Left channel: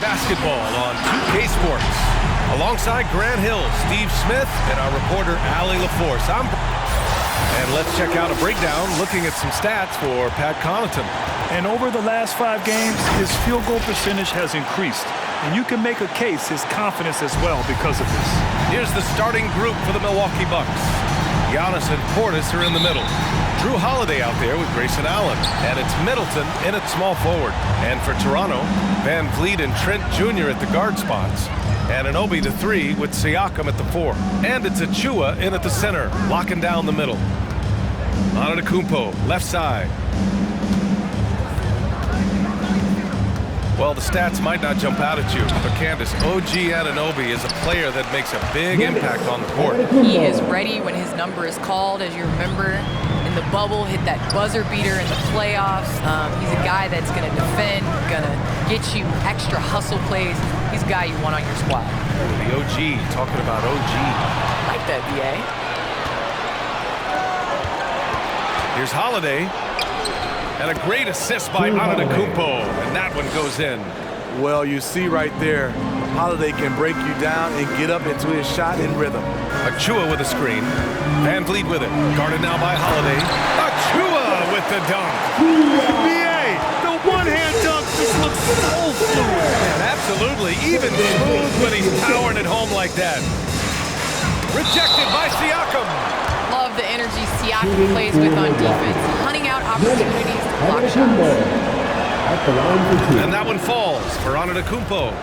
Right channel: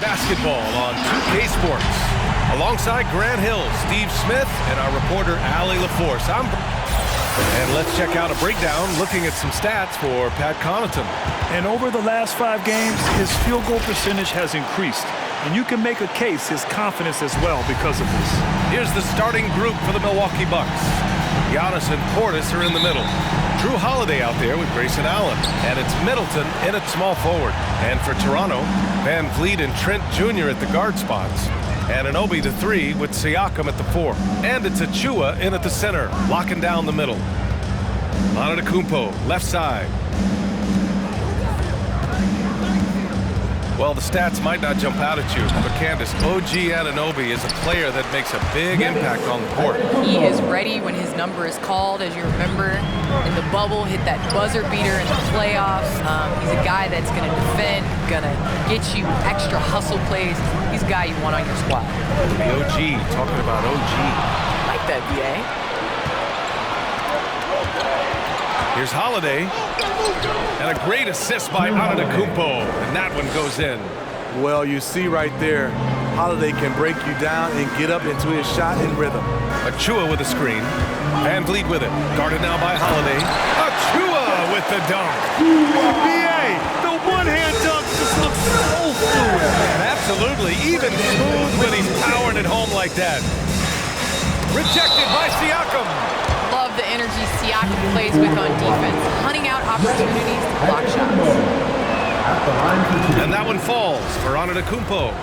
Basketball on 2K Sports. Alongside Grant Hill, Steve Smith, and our reporter, Allie LaForce. And let's check out a breakdown looking at some stats for Pat Connaughton. And over the last 5 games, his field goal percentage has increased. And you can make a case his confidence as well because of this. Here's the starting group for the Milwaukee Bucks. Giannis and Portis are in the middle. Drew Holiday out there with Grayson Allen. And it's Middleton in at small forward. And for Toronto, Van Vliet and Trent Jr. at the guard spots. And Anunoby the 3 with Siakam at the 4. And it's Achua in at the center, locking down the middle. Antetokounmpo, left side. Well, the stats might not jump out at you, but Candace, OG Anunoby is a player that makes a big impact on the court. He is ready when his number is called, as you remember. In the bubble, hit that buzzer beater in the playoffs. He's a guy that's going to defend, going to get you extra hustle plays. He's a guy you want on your squad. The OG, talking about OG. Like that, BA. Here's Holiday. And a great assist by Antetokounmpo, and that one goes in. Well, you see right there, Holiday can break you down and get up into his shot in rhythm. Achua with a screen. Van Vliet with it. Guarded now by Holiday. Achua with the dunk. BA, the one-hand dunk just looks so fluid. And absolutely, even smooth when he's powering it home like that. Rejected by Siakam. Love the energy Siakam plays with on defense, hunting out opportunities to block shots. And that one falls for Antetokounmpo.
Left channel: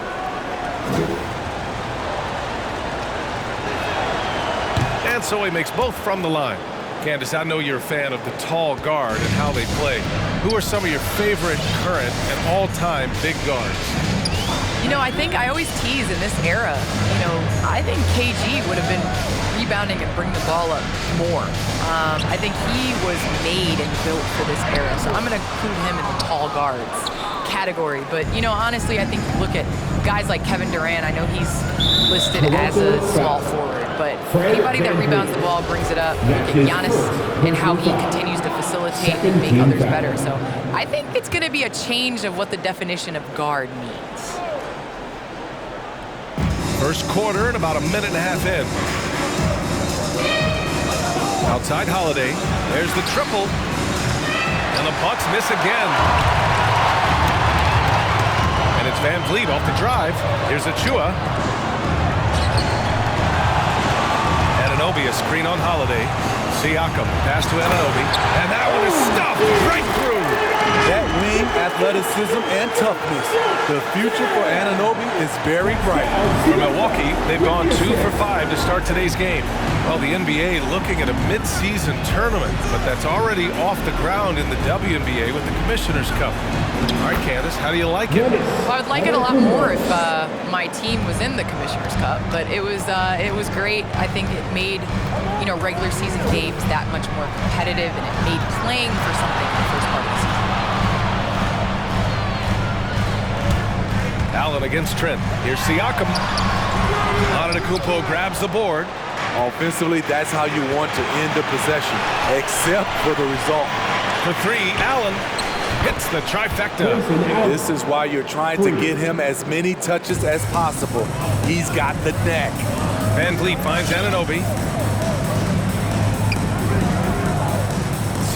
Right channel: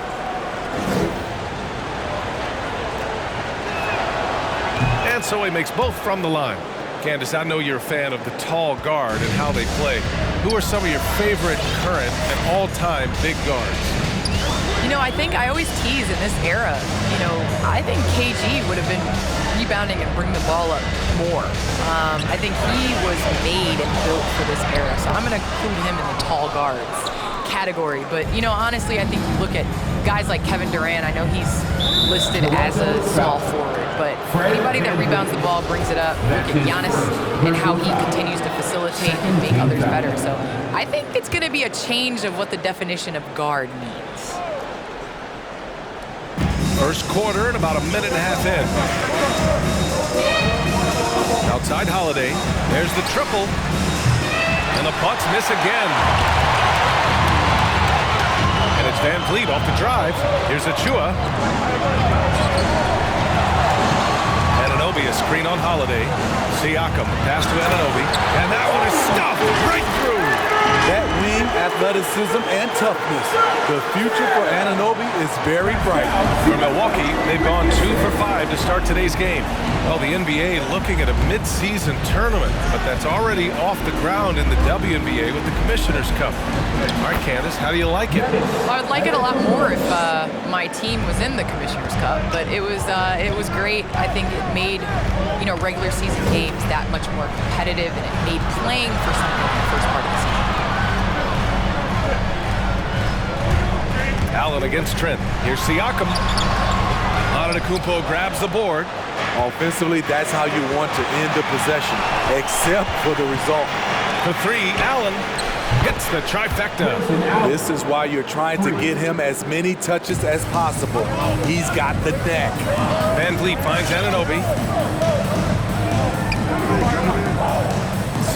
And so he makes both from the line. Candace, I know you're a fan of the tall guard and how they play. Who are some of your favorite current and all-time big guards? You know, I think I always tease in this era, I think KG would have been rebounding and bring the ball up more. I think he was made and built for this era, so I'm going to include him in the tall guards category. But, honestly, I think you look at guys like Kevin Durant. I know he's listed as a small forward, but anybody that rebounds the ball, brings it up. Look at Giannis and how he continues to facilitate and make others better. So I think it's going to be a change of what the definition of guard means. First quarter and about a minute and a half in. Outside Holiday. There's the triple. And the Bucks miss again. And it's Van Vliet off the drive. Here's Achua. Anunoby, a screen on Holiday. Siakam, pass to Anunoby. And that one is stuffed right through. That wing athleticism and toughness. The future for Anunoby is very bright. For Milwaukee, they've gone 2 for 5 to start today's game. Well, the NBA looking at a mid-season tournament, but that's already off the ground in the WNBA with the Commissioner's Cup. All right, Candace, how do you like it? Well, I would like it a lot more if my team was in the Commissioner's Cup, but it was great. I think it made regular season games that much more competitive, and it made playing for something in the first part of the season. Allen against Trent. Here's Siakam. Antetokounmpo grabs the board. Offensively, that's how you want to end the possession, except for the result. For 3, Allen hits the trifecta. This is why you're trying to get him as many touches as possible. He's got the knack. Van Vliet finds Anunoby.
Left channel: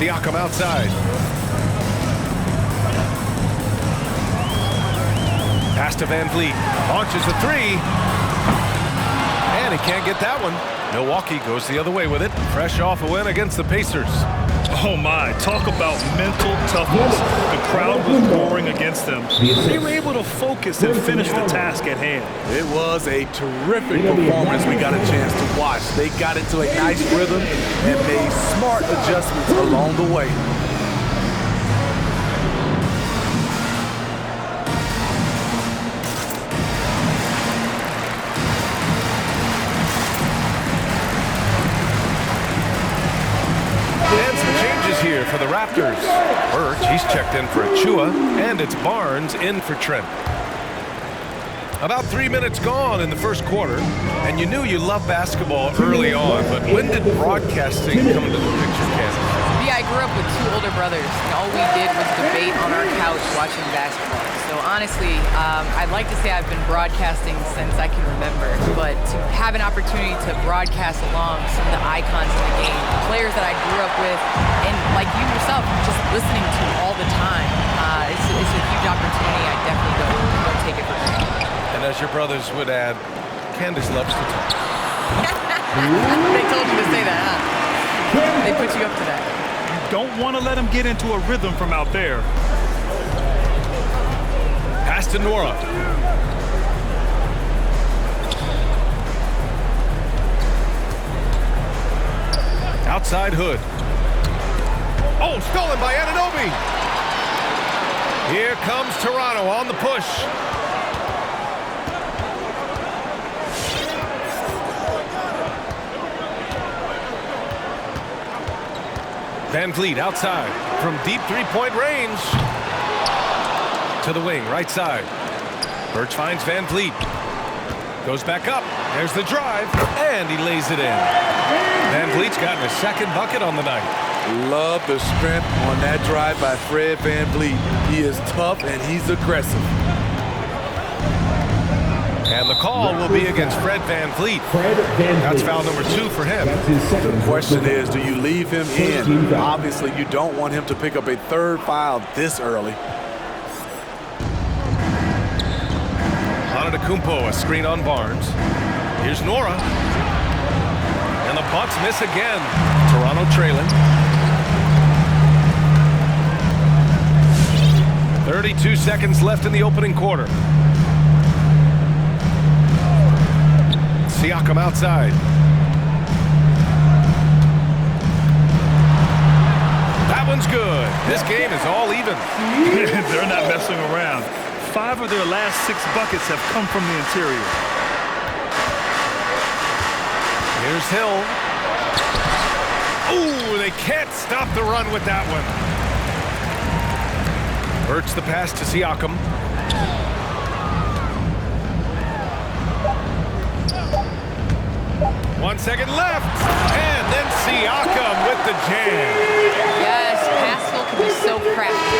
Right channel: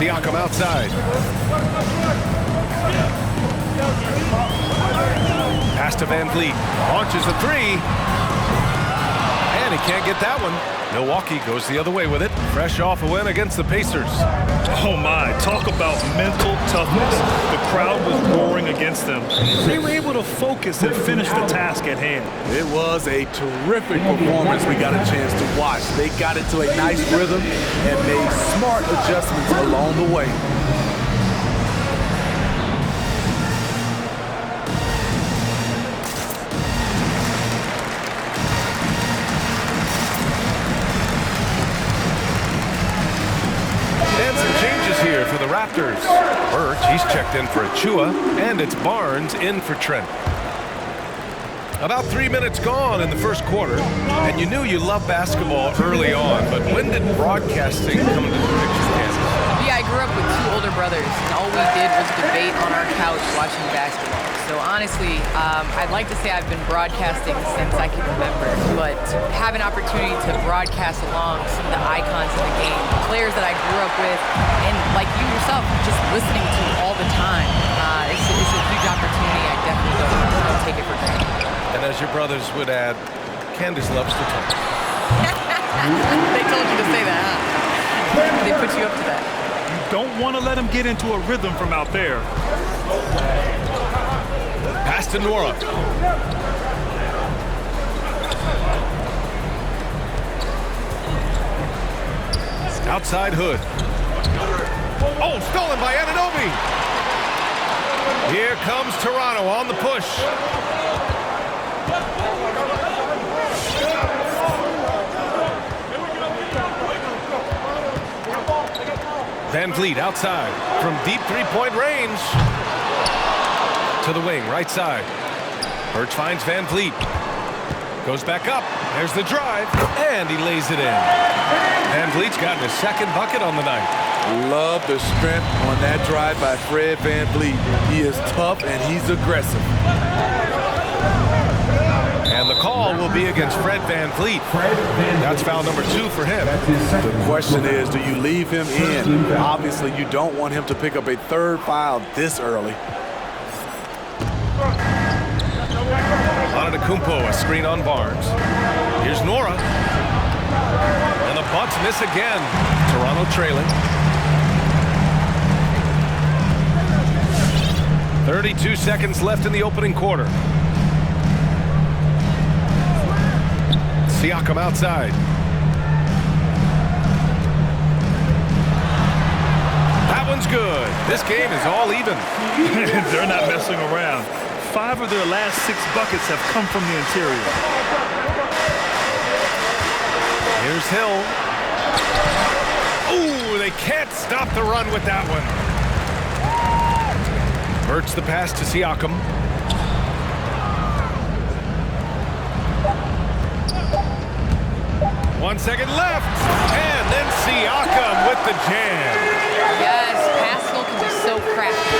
Siakam outside. Pass to Van Vliet. Launches a 3. And he can't get that one. Milwaukee goes the other way with it. Fresh off a win against the Pacers. Oh my, talk about mental toughness. The crowd was roaring against them. They were able to focus and finish the task at hand. It was a terrific performance we got a chance to watch. They got into a nice rhythm and made smart adjustments along the way. Here for the Raptors. Birch, he's checked in for Achua, and it's Barnes in for Trent. About 3 minutes gone in the first quarter, and you knew you loved basketball early on, but when did broadcasting come into the picture, Candace? Yeah, I grew up with 2 older brothers, and all we did was debate on our couch watching basketball. So honestly, I'd like to say I've been broadcasting since I can remember, but to have an opportunity to broadcast along some of the icons in the game, players that I grew up with, and like you yourself, just listening to all the time, it's a huge opportunity. I definitely don't take it for granted. And as your brothers would add, Candace loves to talk. They told you to say that, huh? They put you up to that. You don't want to let him get into a rhythm from out there. Pass to Nora. Outside Hood. Oh, stolen by Anunoby. Here comes Toronto on the push. Van Vliet outside from deep three-point range. To the wing, right side. Birch finds Van Vliet. Goes back up. There's the drive, and he lays it in. Van Vliet's gotten his second bucket on the night. Love the strength on that drive by Fred Van Vliet. He is tough, and he's aggressive. And the call will be against Fred Van Vliet. That's foul number 2 for him. The question is, do you leave him in? Obviously, you don't want him to pick up a third foul this early. Antetokounmpo, a screen on Barnes. Here's Nora. And the Bucks miss again. Toronto trailing. 32 seconds left in the opening quarter. Siakam outside. That one's good. This game is all even. They're not messing around. 5 of their last 6 buckets have come from the interior. Here's Hill. Ooh, they can't stop the run with that one. Birch the pass to Siakam. One second left, and then Siakam with the jam. Yes, Pascal can be so crafty.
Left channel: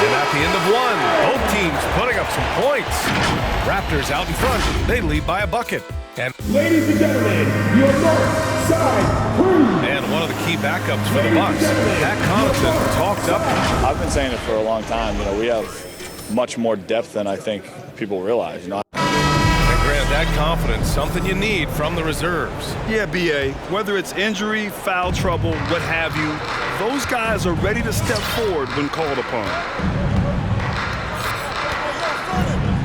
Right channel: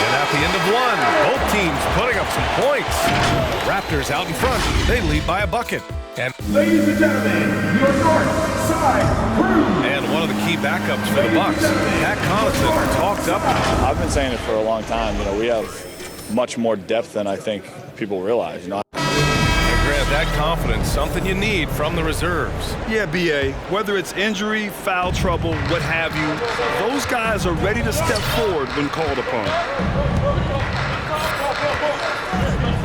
And at the end of one, both teams putting up some points. Raptors out in front. They lead by a bucket. And ladies and gentlemen, your north side crew. And one of the key backups for the Bucks, Pat Connaughton, talked up. I've been saying it for a long time. You know, we have much more depth than I think people realize. You know. And Grant, that confidence, something you need from the reserves. Yeah, B.A., whether it's injury, foul trouble, what have you, those guys are ready to step forward when called upon.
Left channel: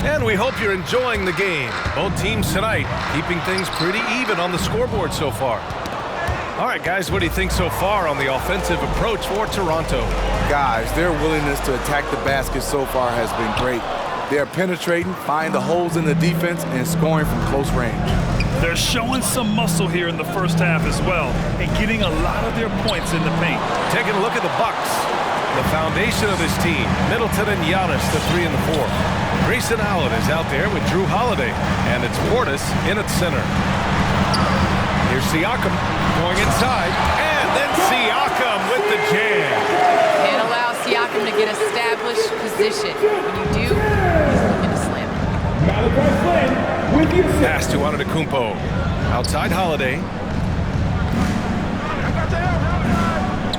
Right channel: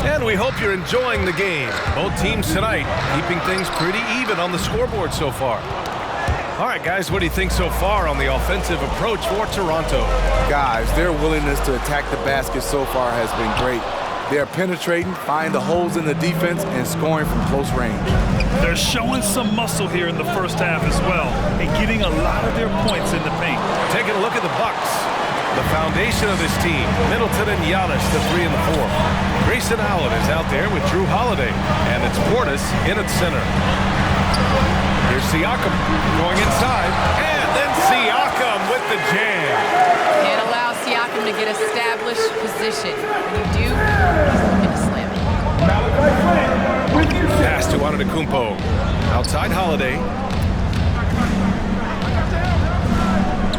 And we hope you're enjoying the game. Both teams tonight keeping things pretty even on the scoreboard so far. All right, guys, what do you think so far on the offensive approach for Toronto? Guys, their willingness to attack the basket so far has been great. They're penetrating, finding the holes in the defense, and scoring from close range. They're showing some muscle here in the first half as well, and getting a lot of their points in the paint. Taking a look at the Bucks. The foundation of this team, Middleton and Giannis, the 3 and the 4. Grayson Allen is out there with Drew Holiday, and it's Portis in its center. Here's Siakam going inside, and then Siakam with the jam. Can't allow Siakam to get established position. When you do, he's looking to slam it. Malachi Flynn with the assist. Pass to Antetokounmpo. Outside Holiday.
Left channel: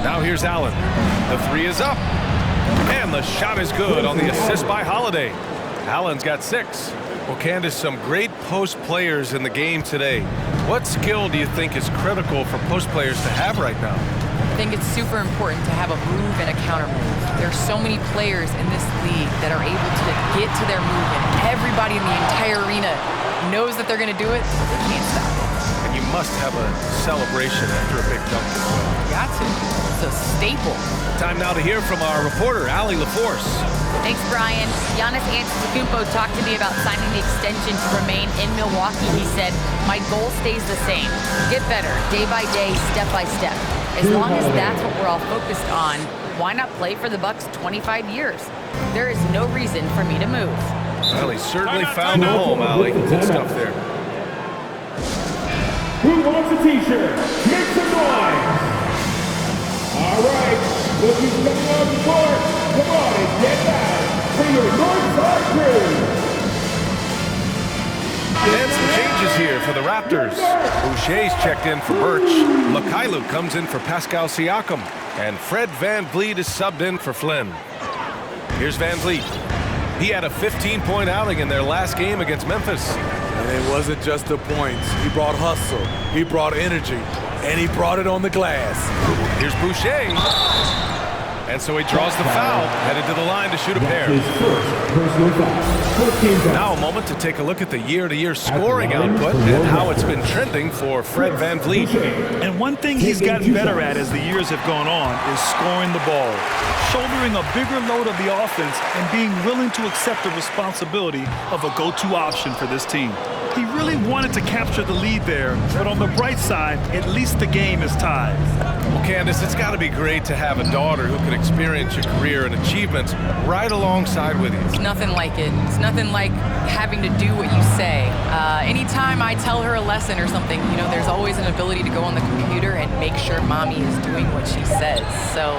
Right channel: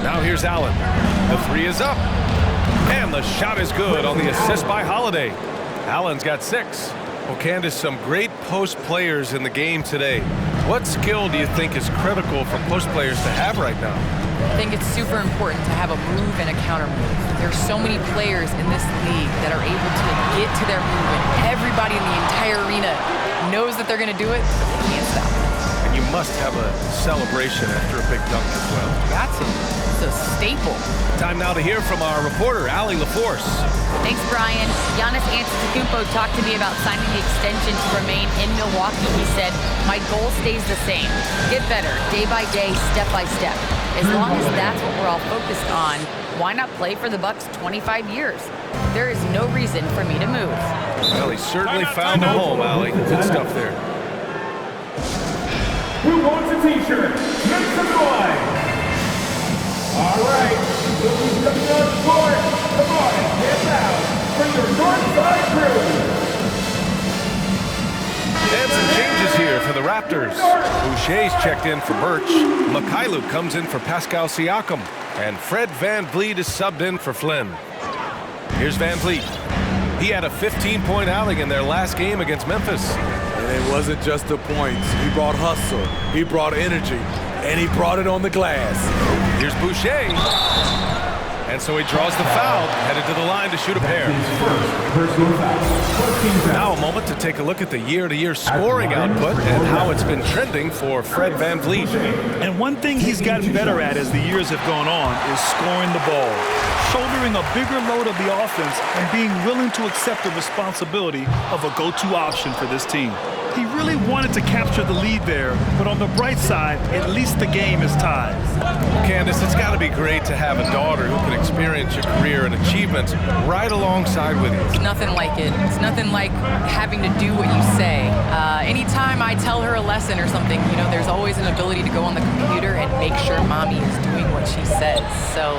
Now here's Allen. The 3 is up. And the shot is good on the assist by Holiday. Allen's got 6. Well, Candace, some great post players in the game today. What skill do you think is critical for post players to have right now? I think it's super important to have a move and a counter move. There's so many players in this league that are able to get to their move, and everybody in the entire arena knows that they're going to do it, but they can't stop it. And you must have a celebration after a big dunk as well. Got to. It's a staple. Time now to hear from our reporter, Allie LaForce. Thanks, Brian. Giannis Antetokounmpo talked to me about signing the extension to remain in Milwaukee. He said, "My goal stays the same. Get better, day by day, step by step. As long as that's what we're all focused on, why not play for the Bucks 25 years? There is no reason for me to move." Well, he certainly found a home, Allie. Good stuff there. Who wants a t-shirt? Make some noise! All right, look who's coming on the court. Come on and get loud for your Northside crew. And some changes here for the Raptors. Boucher's checked in for Birch. Mikhailuk comes in for Pascal Siakam. And Fred VanVleet is subbed in for Flynn. Here's VanVleet. He had a 15-point outing in their last game against Memphis. And it wasn't just the points. He brought hustle, he brought energy, and he brought it on the glass. Here's Boucher. And so he draws the foul, headed to the line to shoot a pair. His first personal foul. Now a moment to take a look at the year-to-year scoring output and how it's been trending for Fred VanVleet. And one thing he's gotten better at as the years have gone on is scoring the ball, shouldering a bigger load of the offense and being willing to accept the responsibility of a go-to option for this team. He really wanted to capture the lead there, but on the bright side, at least the game is tied. Well, Candace, it's got to be great to have a daughter who can experience your career and achievements right alongside with you. It's nothing like it. It's nothing like having to do what you say. Anytime I tell her a lesson or something, you know, there's always an ability to go on the computer and make sure mommy is doing what she says. So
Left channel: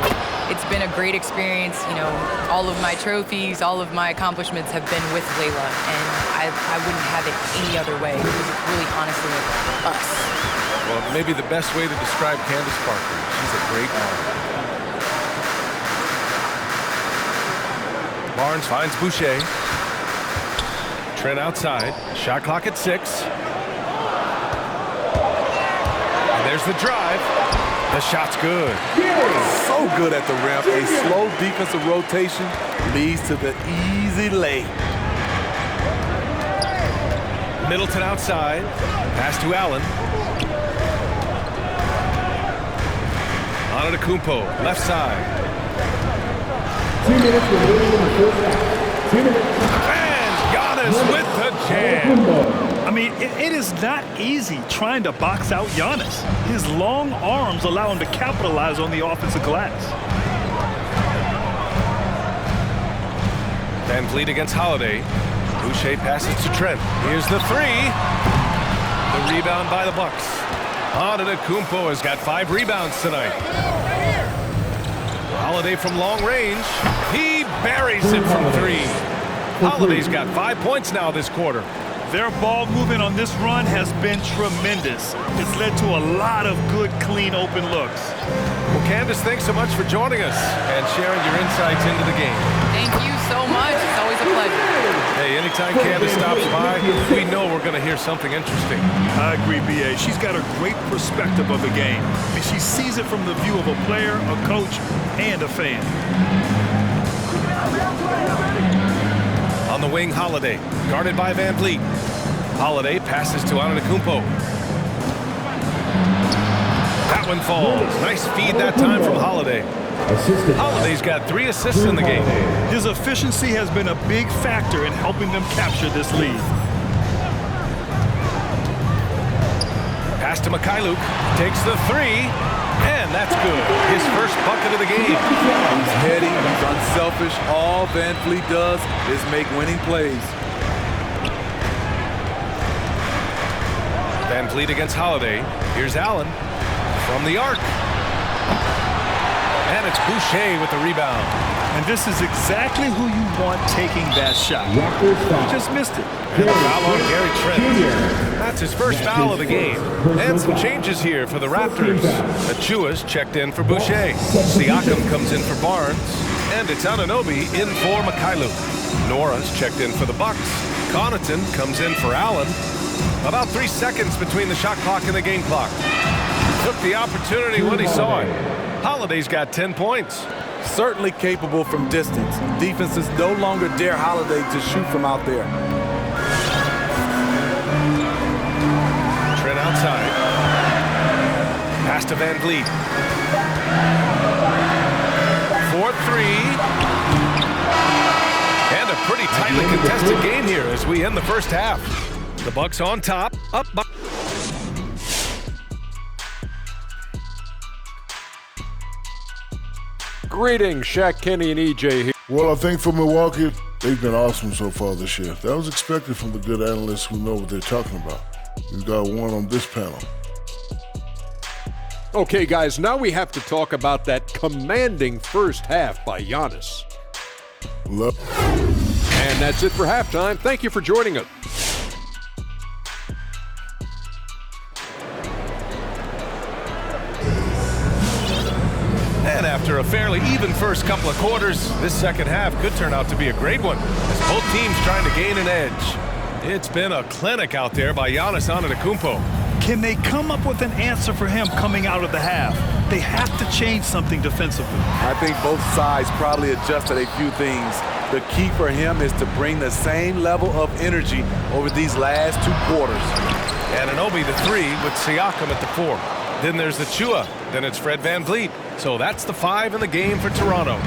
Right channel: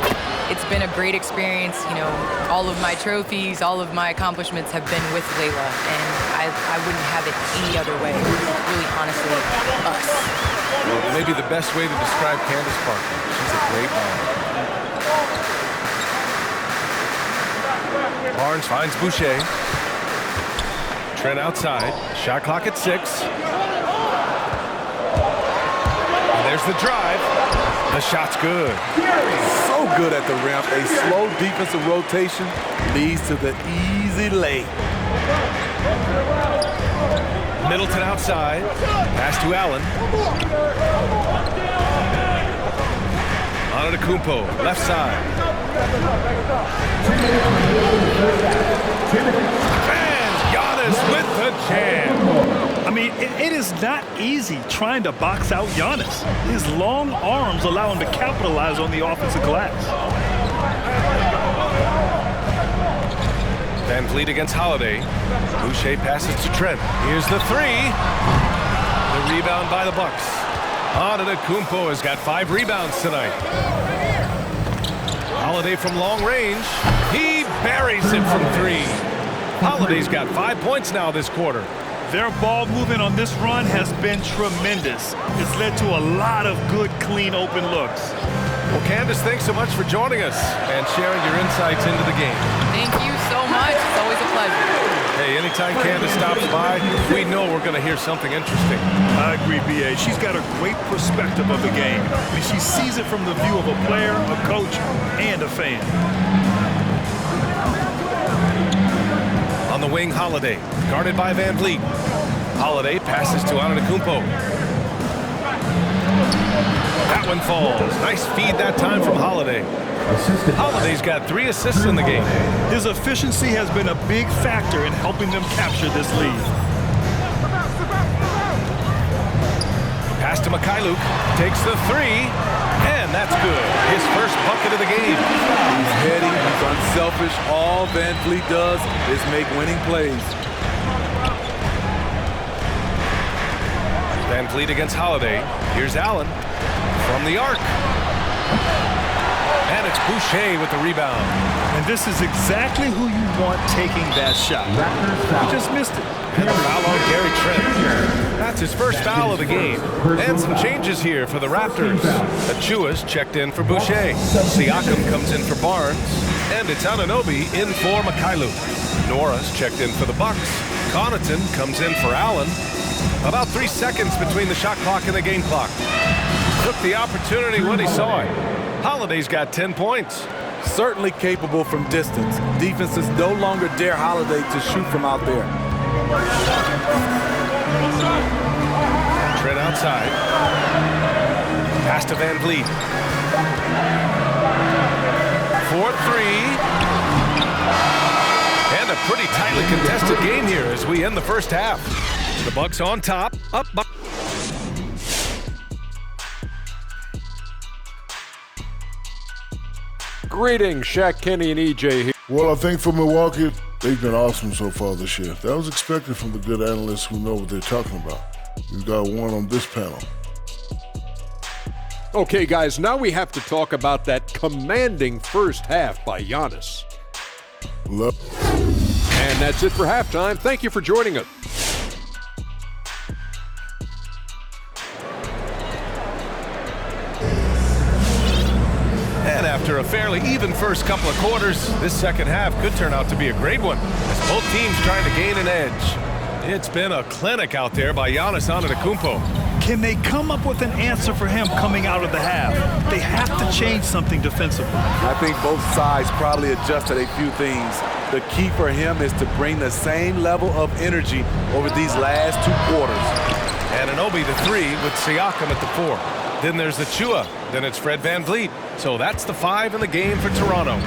it's been a great experience. You know, all of my trophies, all of my accomplishments have been with Layla, and I wouldn't have it any other way. It's really honestly us. Well, maybe the best way to describe Candace Parker. She's a great mom. Barnes finds Boucher. Trent outside. Shot clock at 6. And there's the drive. The shot's good. So good at the rim. A slow defensive rotation leads to the easy lay. Middleton outside. Pass to Allen. Antetokounmpo, left side. 2 minutes remaining in the first half. 2 minutes. And Giannis with the jam. I mean, it is not easy trying to box out Giannis. His long arms allow him to capitalize on the offensive glass. VanVleet against Holiday. Boucher passes to Trent. Here's the 3. The rebound by the Bucks. Antetokounmpo has got 5 rebounds tonight. Holiday from long range. He buries it from 3. Holiday's got 5 points now this quarter. Their ball movement on this run has been tremendous. It's led to a lot of good, clean, open looks. Well, Candace, thanks so much for joining us and sharing your insights into the game. Thank you so much. It's always a pleasure. Hey, anytime Candace stops by, we know we're going to hear something interesting. I agree, B.A. She's got a great perspective of the game. I mean, she sees it from the view of a player, a coach, and a fan. On the wing, Holiday, guarded by VanVleet. Holiday passes to Antetokounmpo. That one falls. Nice feed that time from Holiday. Holiday's got 3 assists in the game. His efficiency has been a big factor in helping them capture this lead. Pass to Mikhailuk. Takes the 3. And that's good. His first bucket of the game. He's heady, he's unselfish. All VanVleet does is make winning plays. VanVleet against Holiday. Here's Allen from the arc. And it's Boucher with the rebound. And this is exactly who you want taking that shot. He just missed it. And the foul on Gary Trent. That's his first foul of the game. And some changes here for the Raptors. Achua's checked in for Boucher. Siakam comes in for Barnes. And it's Anunoby in for Mikhailuk. Nora's checked in for the Bucks. Connaughton comes in for Allen. About 3 seconds between the shot clock and the game clock. Took the opportunity when he saw it. Holiday's got 10 points. Certainly capable from distance. Defenses no longer dare Holiday to shoot from out there. Trent outside. Pass to VanVleet. 4-3. And a pretty tightly contested game here as we end the first half. The Bucks on top, up by. Greetings, Shaq, Kenny, and EJ here. Well, I think for Milwaukee, they've been awesome so far this year. That was expected from the good analysts who know what they're talking about. We've got one on this panel. Okay, guys, now we have to talk about that commanding first half by Giannis. And that's it for halftime. Thank you for joining us. And after a fairly even first couple of quarters, this second half could turn out to be a great one as both teams trying to gain an edge. It's been a clinic out there by Giannis Antetokounmpo. Can they come up with an answer for him coming out of the half? They have to change something defensively. I think both sides probably adjusted a few things. The key for him is to bring the same level of energy over these last 2 quarters. Anunoby the 3 with Siakam at the 4. Then there's the Chua. Then it's Fred VanVleet. So that's the 5 in the game for Toronto.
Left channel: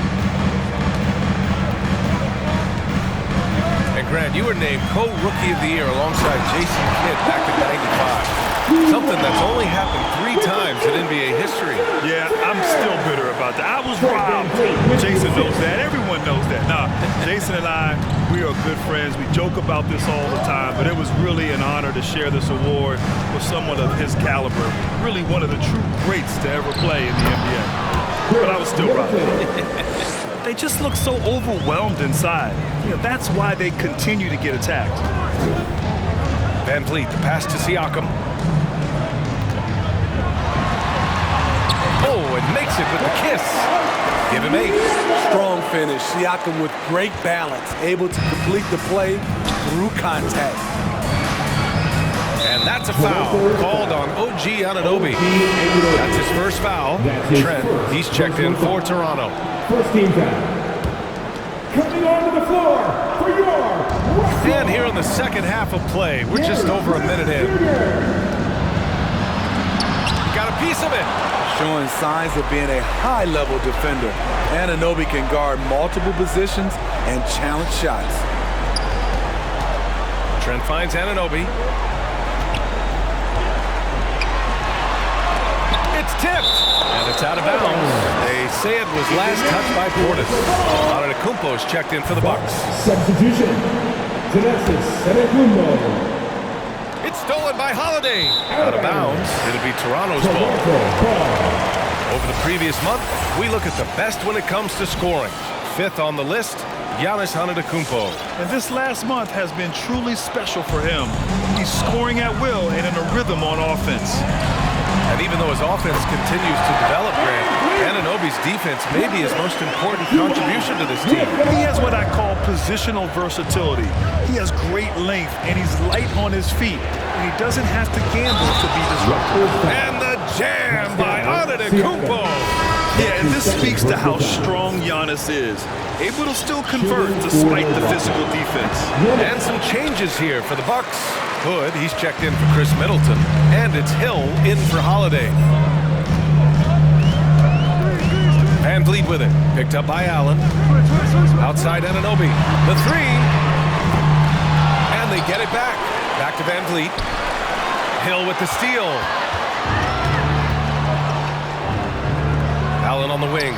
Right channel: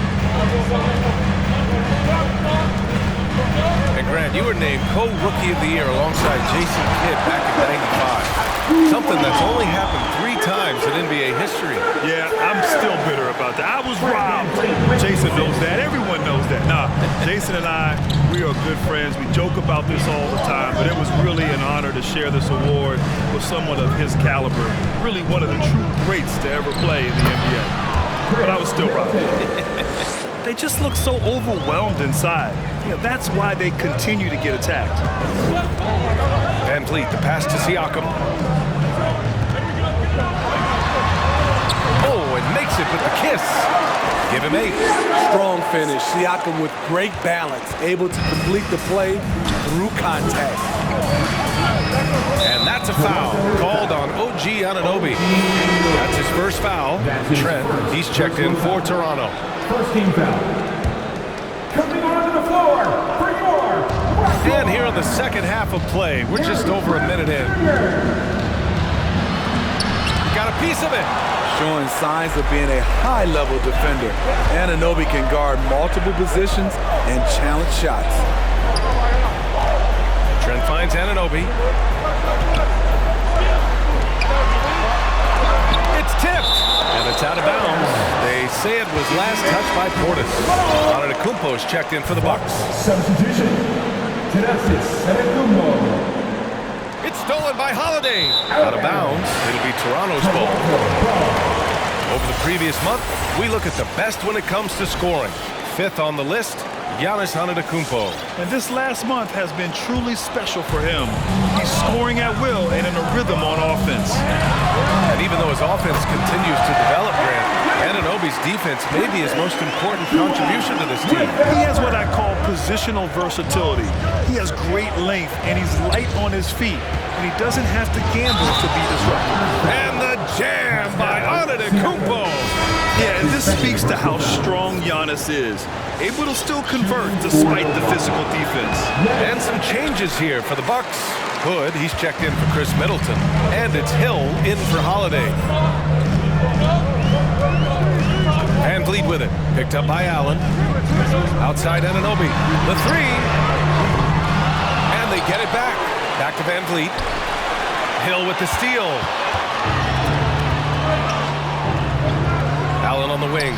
And Grant, you were named co-rookie of the year alongside Jason Kidd back in '95. Something that's only happened 3 times in NBA history. Yeah, I'm still bitter about that. I was robbed. Jason knows that. Everyone knows that. Nah, Jason and I, we are good friends. We joke about this all the time, but it was really an honor to share this award with someone of his caliber. Really one of the true greats to ever play in the NBA. But I was still robbed. They just look so overwhelmed inside. That's why they continue to get attacked. VanVleet, the pass to Siakam. Oh, and makes it with the kiss. Give him 8. Strong finish. Siakam with great balance, able to complete the play through contact. And that's a foul called on OG Anunoby. That's his first foul. Trent, he's checked in for Toronto. First team foul. Coming onto the floor for your Raptors. And here in the second half of play, we're just over a minute in. Got a piece of it. Showing signs of being a high-level defender. Anunoby can guard multiple positions and challenge shots. Trent finds Anunoby. It's tipped, and it's out of bounds. They say it was last touched by Portis. Antetokounmpo's checked in for the Bucks. Substitution. Thanasis Antetokounmpo. It's stolen by Holiday. Out of bounds. It'll be Toronto's ball. Over the previous month, we look at the best when it comes to scoring. 5th on the list, Giannis Antetokounmpo. And this last month has been truly special for him. He's scoring at will and in a rhythm on offense. And even though his offense continues to develop, Grant, Anunoby's defense may be his most important contribution to this team. He has what I call positional versatility. He has great length, and he's light on his feet, and he doesn't have to gamble to be disruptive. And the jam by Antetokounmpo. Yeah, and this speaks to how strong Giannis is. Able to still convert despite the physical defense. And some changes here for the Bucks. Hood, he's checked in for Chris Middleton. And it's Hill in for Holiday. VanVleet with it. Picked up by Allen. Outside Anunoby. The 3. And they get it back. Back to VanVleet. Hill with the steal. Allen on the wing.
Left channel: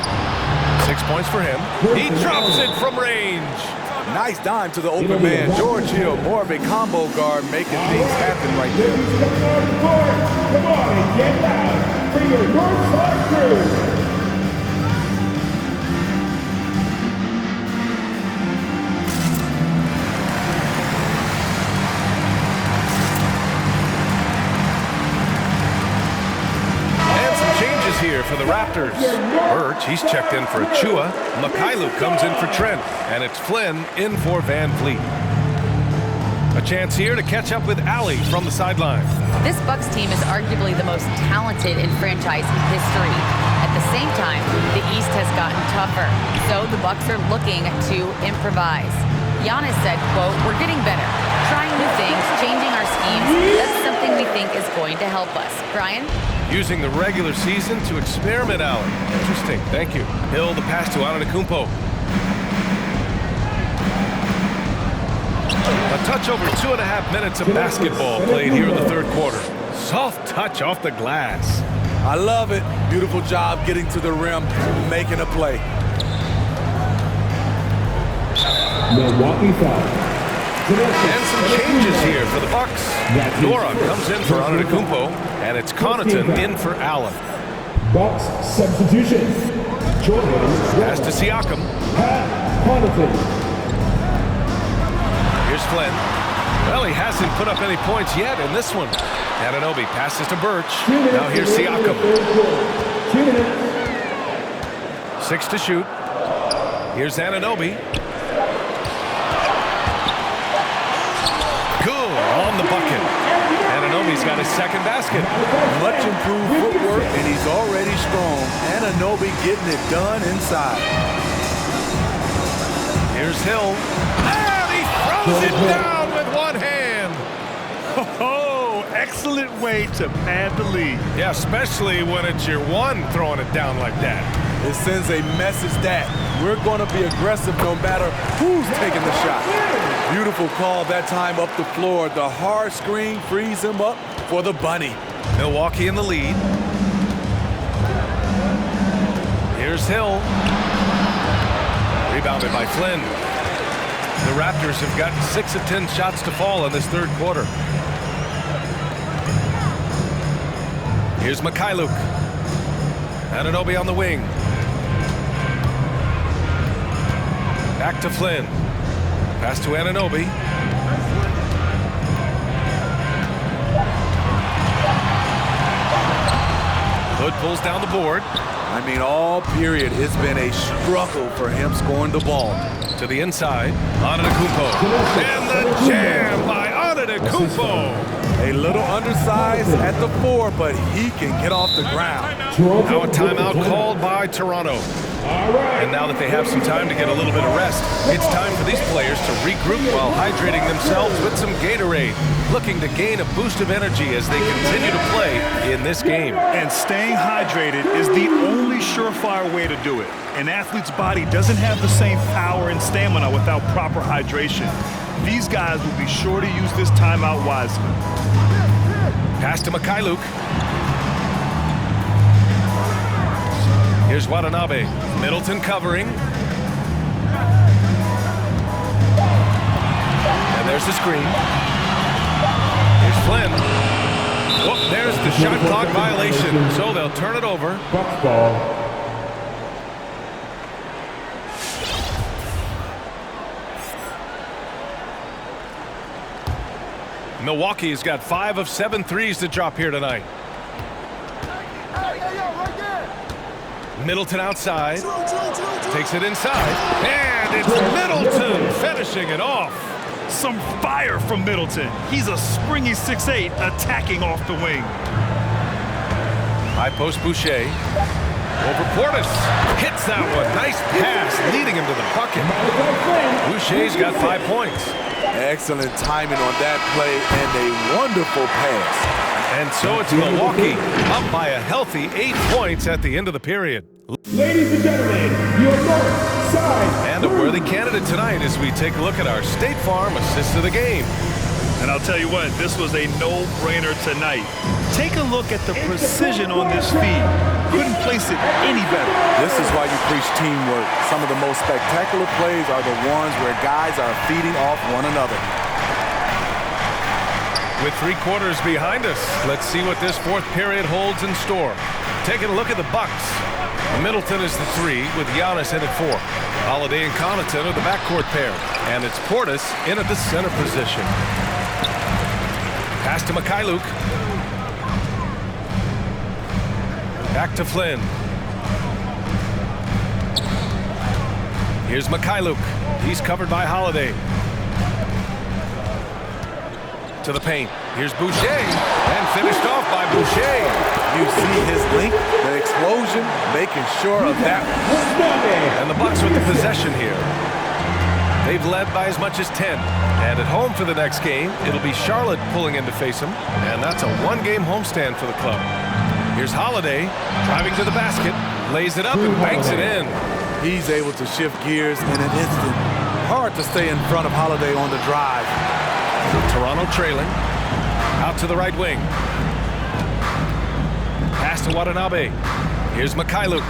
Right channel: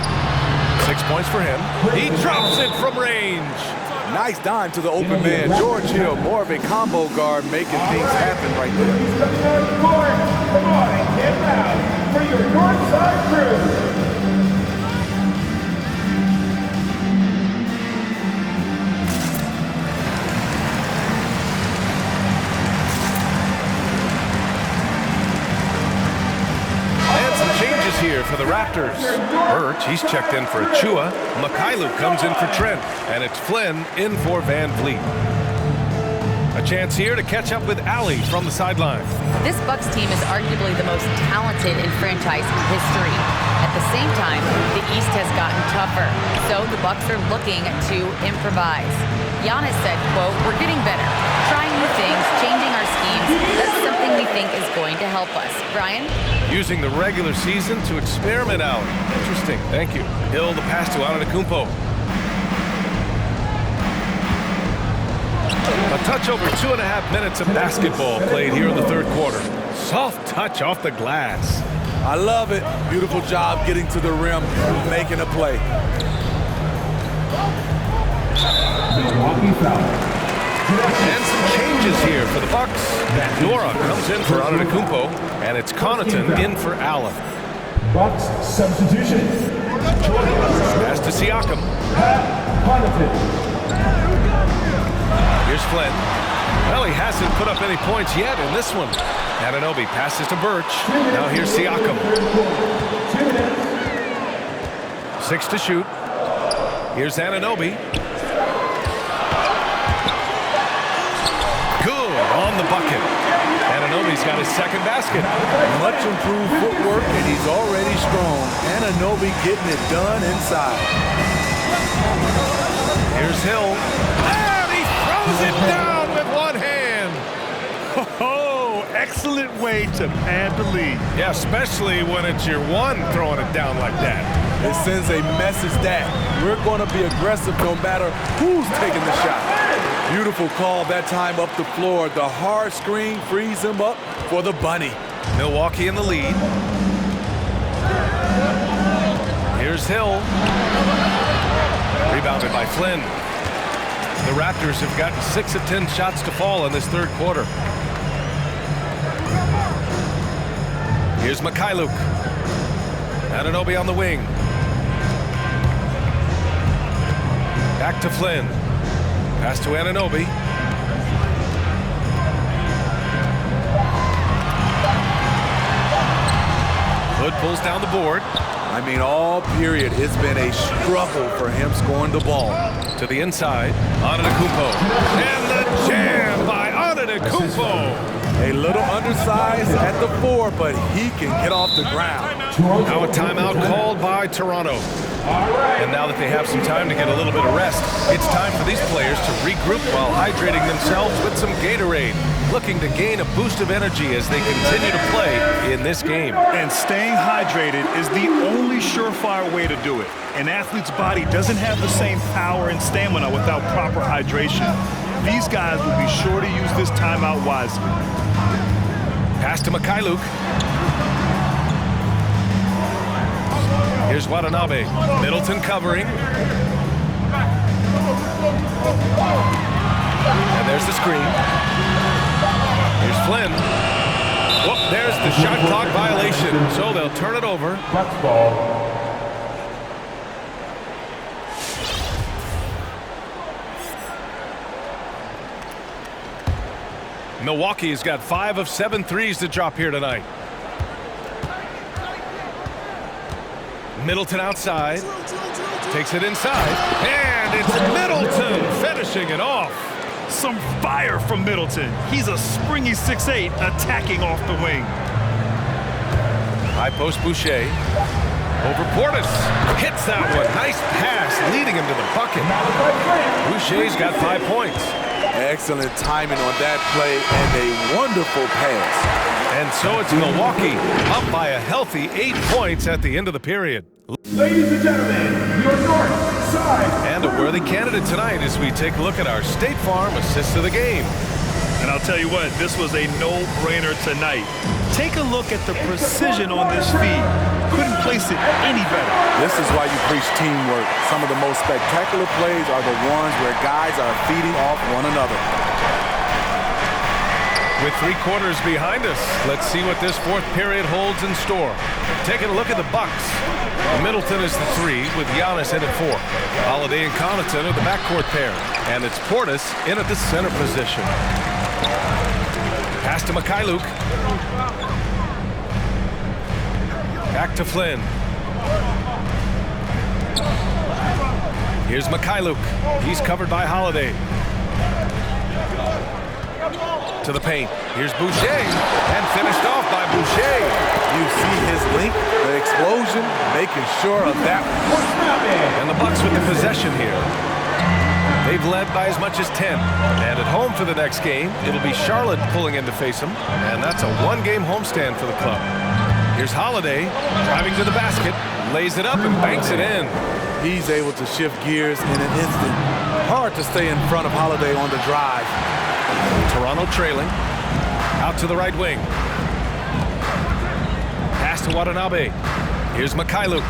6 points for him. He drops it from range. Nice dime to the open man. George Hill, more of a combo guard, making things happen right there. Coming on the court. Come on and get loud for your Northside crew. Changes here for the Raptors. Birch, he's checked in for Achua. Mikhailuk comes in for Trent. And it's Flynn in for VanVleet. A chance here to catch up with Allie from the sideline. This Bucks team is arguably the most talented in franchise history. At the same time, the East has gotten tougher. So the Bucks are looking to improvise. Giannis said, quote, "We're getting better, trying new things, changing our schemes. That's something we think is going to help us." Brian? Using the regular season to experiment, Allie. Interesting. Thank you. Hill, the pass to Antetokounmpo. A touch over 2.5 minutes of basketball played here in the third quarter. Soft touch off the glass. I love it. Beautiful job getting to the rim, making a play. Milwaukee foul. And some changes here for the Bucks. Nora comes in for Antetokounmpo, and it's Connaughton in for Allen. Bucks substitution. Pass to Siakam. Connaughton. Here's Flynn. Well, he hasn't put up any points yet in this one. Anunoby passes to Birch. Now here's Siakam. 2 minutes. 6 to shoot. Here's Anunoby. Good on the bucket. Anunoby's got his second basket. Much improved footwork, and he's already strong. Anunoby getting it done inside. Here's Hill. And he throws it down with one hand. Oh, excellent way to pad the lead. Yeah, especially when it's your one throwing it down like that. It sends a message that we're going to be aggressive no matter who's taking the shot. Beautiful call that time up the floor. The hard screen frees him up for the bunny. Milwaukee in the lead. Here's Hill. Rebounded by Flynn. The Raptors have gotten 6 of 10 shots to fall in this third quarter. Here's Mikhailuk. Anunoby on the wing. Back to Flynn. Pass to Anunoby. Hood pulls down the board. I mean, all period, it's been a struggle for him scoring the ball. To the inside, Antetokounmpo. And the jam by Antetokounmpo. A little undersized at the 4, but he can get off the ground. Now a timeout called by Toronto. And now that they have some time to get a little bit of rest, it's time for these players to regroup while hydrating themselves with some Gatorade, looking to gain a boost of energy as they continue to play in this game. And staying hydrated is the only surefire way to do it. An athlete's body doesn't have the same power and stamina without proper hydration. These guys will be sure to use this timeout wisely. Pass to Mikhailuk. Here's Watanabe. Middleton covering. And there's the screen. Here's Flynn. Whoop, there's the shot clock violation. So they'll turn it over. Bucks ball. Milwaukee has got 5 of 7 threes to drop here tonight. Middleton outside. Takes it inside. And it's Middleton finishing it off. Some fire from Middleton. He's a springy 6'8", attacking off the wing. High post Boucher. Over Portis. Hits that one. Nice pass, leading him to the bucket. Boucher's got 5 points. Excellent timing on that play and a wonderful pass. And so it's Milwaukee up by a healthy 8 points at the end of the period. Ladies and gentlemen, your north side. And a worthy candidate tonight as we take a look at our State Farm assist of the game. And I'll tell you what, this was a no-brainer tonight. Take a look at the precision on this feed. Couldn't place it any better. This is why you preach teamwork. Some of the most spectacular plays are the ones where guys are feeding off one another. With 3 quarters behind us, let's see what this fourth period holds in store. Taking a look at the Bucks. Middleton is the 3 with Giannis in at 4. Holiday and Connaughton are the backcourt pair. And it's Portis in at the center position. Pass to Mikhailuk. Back to Flynn. Here's Mikhailuk. He's covered by Holiday. To the paint. Here's Boucher. And finished off by Boucher. You see his length, the explosion, making sure of that. And the Bucks with the possession here. They've led by as much as 10. And at home for the next game, it'll be Charlotte pulling in to face them. And that's a 1-game homestand for the club. Here's Holiday driving to the basket, lays it up and banks it in. He's able to shift gears in an instant. Hard to stay in front of Holiday on the drive. Toronto trailing. Out to the right wing. Pass to Watanabe. Here's Mikhailuk.